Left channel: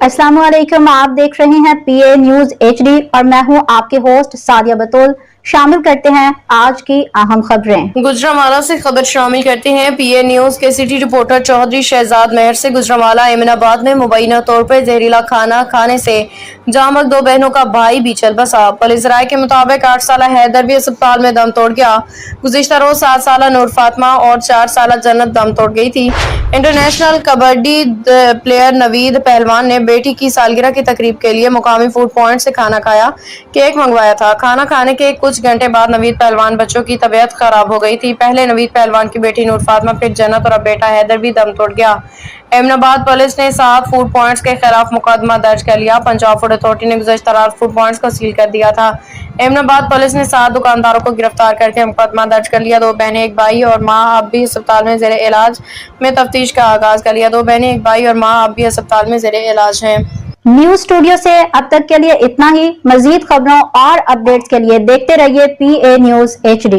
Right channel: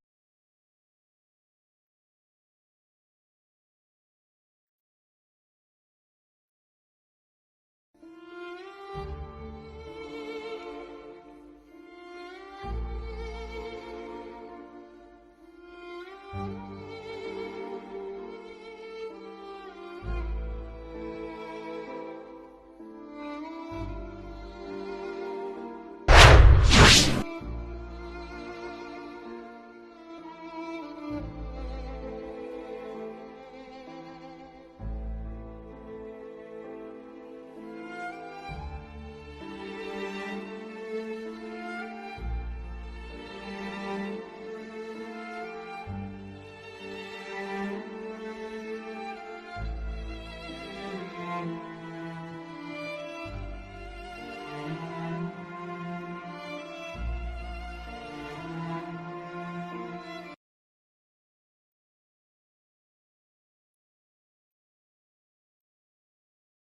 अस्सलाम वालेकुम, आप देख रहे हैं पीए न्यूज HD और मैं हूं आपके होस्ट सादिया बतूल। शामिल करते हैं आज की अहम खबरें। गुजरांवाला से खबर शामिल करते हैं पीए न्यूज के सिटी रिपोर्टर चौधरी शहजाद मेहर से। गुजरांवाला एमनाबाद में मुबैना तौर पर जहरीला खाना खाने से जामक दो बहनों का भाई भी चल बसा। पुलिस राय के मुताबिक 8 साला हैदर भी अस्पताल में दम तोड़ गया। गुज़िश्ता रोज 7 साला नूर फातिमा और 4 साला जन्नत दम तोड़ गई थी। इंटरनेशनल कबड्डी प्लेयर नवीद पहलवान ने बेटी की सालगिरह की तकरीब के लिए मुकामी फूड पॉइंट से खाना खाया, केक मंगवाया था। खाना खाने के कुछ घंटे बाद नवीद पहलवान बच्चों की तबीयत खराब हो गई थी। पहले नवीद पहलवान की बेटी नूर फातिमा, फिर जन्नत और अब बेटा हैदर भी दम तोड़ गया। एमनाबाद पुलिस ने 7 फूड पॉइंट्स के खिलाफ मुकदमा दर्ज कर लिया। पंजाब फूड अथॉरिटी ने गुज़श्ता रात फूड पॉइंट्स को सील कर दिया था। एमनाबाद पुलिस ने 7 दुकानदारों को गिरफ्तार करके मुकदमा दर्ज कर लिया। 2 बहनें, एक भाई और मां अब भी अस्पताल में ज़ेरे इलाज में तफ्तीश का आगाज कर लिया। 2 बहनें, एक भाई और मां अब भी अस्पताल में ज़ेरे इलाज हैं। न्यूज स्टूडियो से अब तक के लिए इतना ही। मजीद खबरों और अपडेट्स के लिए देखते रहिए पीए न्यूज HD।